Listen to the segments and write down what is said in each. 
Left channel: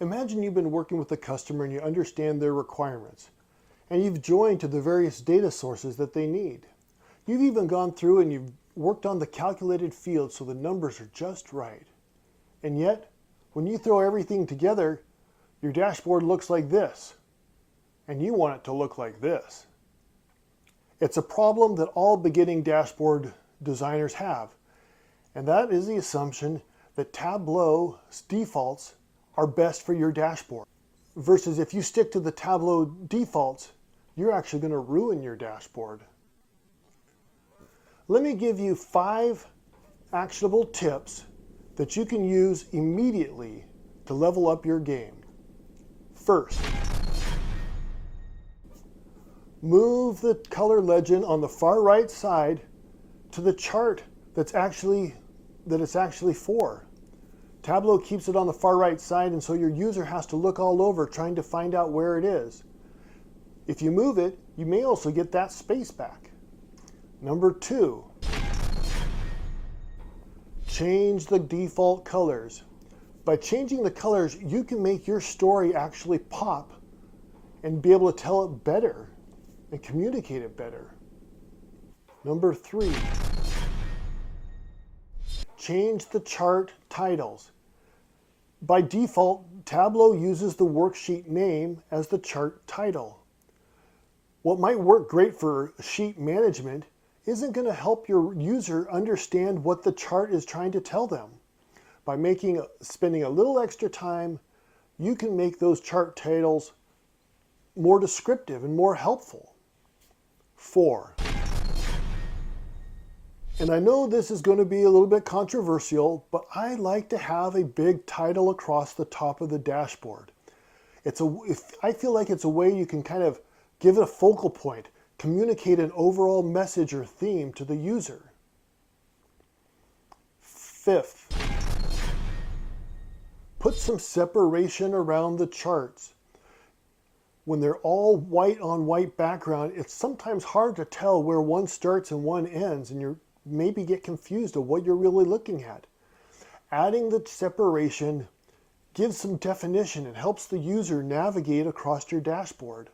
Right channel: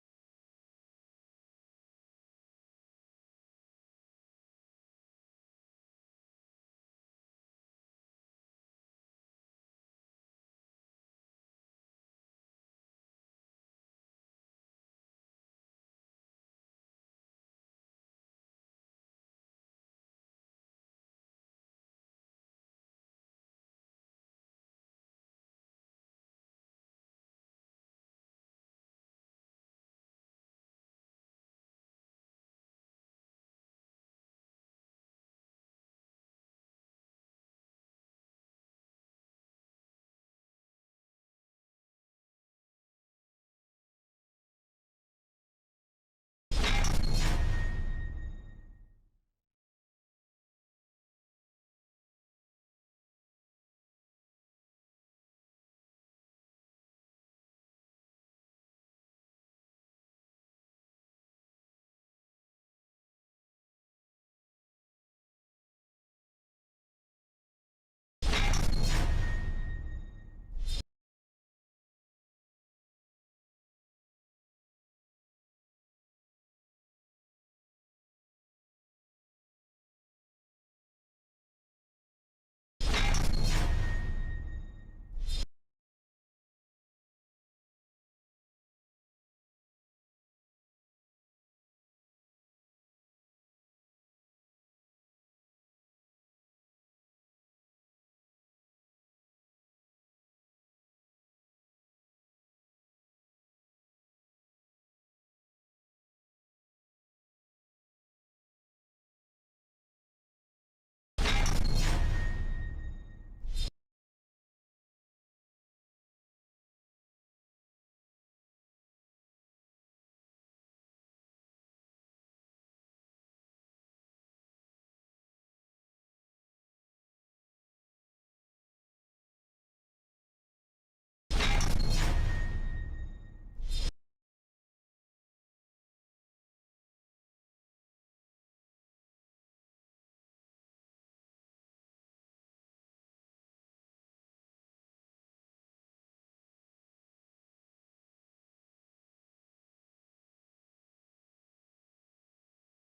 Imagine you've been working with a customer and you understand their requirements, and you've joined to the various data sources that they need. You've even gone through and you've worked on the calculated fields so the numbers are just right. And yet, when you throw everything together, your dashboard looks like this, and you want it to look like this. It's a problem that all beginning dashboard designers have, and that is the assumption that Tableau's defaults are best for your dashboard. Versus if you stick to the Tableau defaults, you're actually going to ruin your dashboard. Let me give you 5 actionable tips that you can use immediately to level up your game. First, move the color legend on the far right side to the chart that it's actually for. Tableau keeps it on the far right side, and so your user has to look all over trying to find out where it is. If you move it, you may also get that space back. Number 2, change the default colors. By changing the colors, you can make your story actually pop and be able to tell it better and communicate it better. Number 3, change the chart titles. By default, Tableau uses the worksheet name as the chart title. What might work great for sheet management isn't going to help your user understand what the chart is trying to tell them. By spending a little extra time, you can make those chart titles more descriptive and more helpful. 4, and I know this is going to be a little bit controversial, but I like to have a big title across the top of the dashboard. I feel like it's a way you can kind of give it a focal point, communicate an overall message or theme to the user. 5th, put some separation around the charts. When they're all white on white background, it's sometimes hard to tell where one starts and one ends, and you maybe get confused of what you're really looking at. Adding the separation gives some definition and helps the user navigate across your dashboard.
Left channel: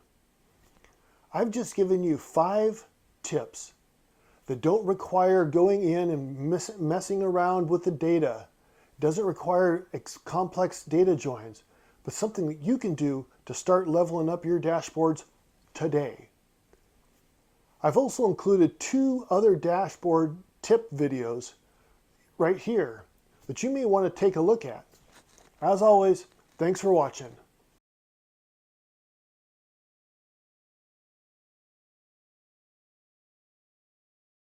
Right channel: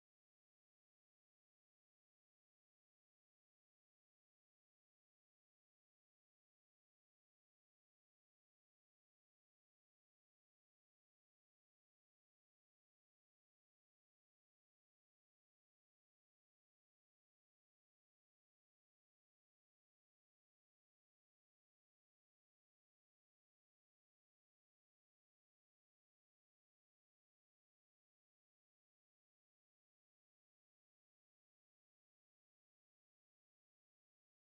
I've just given you 5 tips that don't require going in and messing around with the data. It doesn't require complex data joins, but something that you can do to start leveling up your dashboards today. I've also included 2 other dashboard tip videos right here that you may want to take a look at. As always, thanks for watching.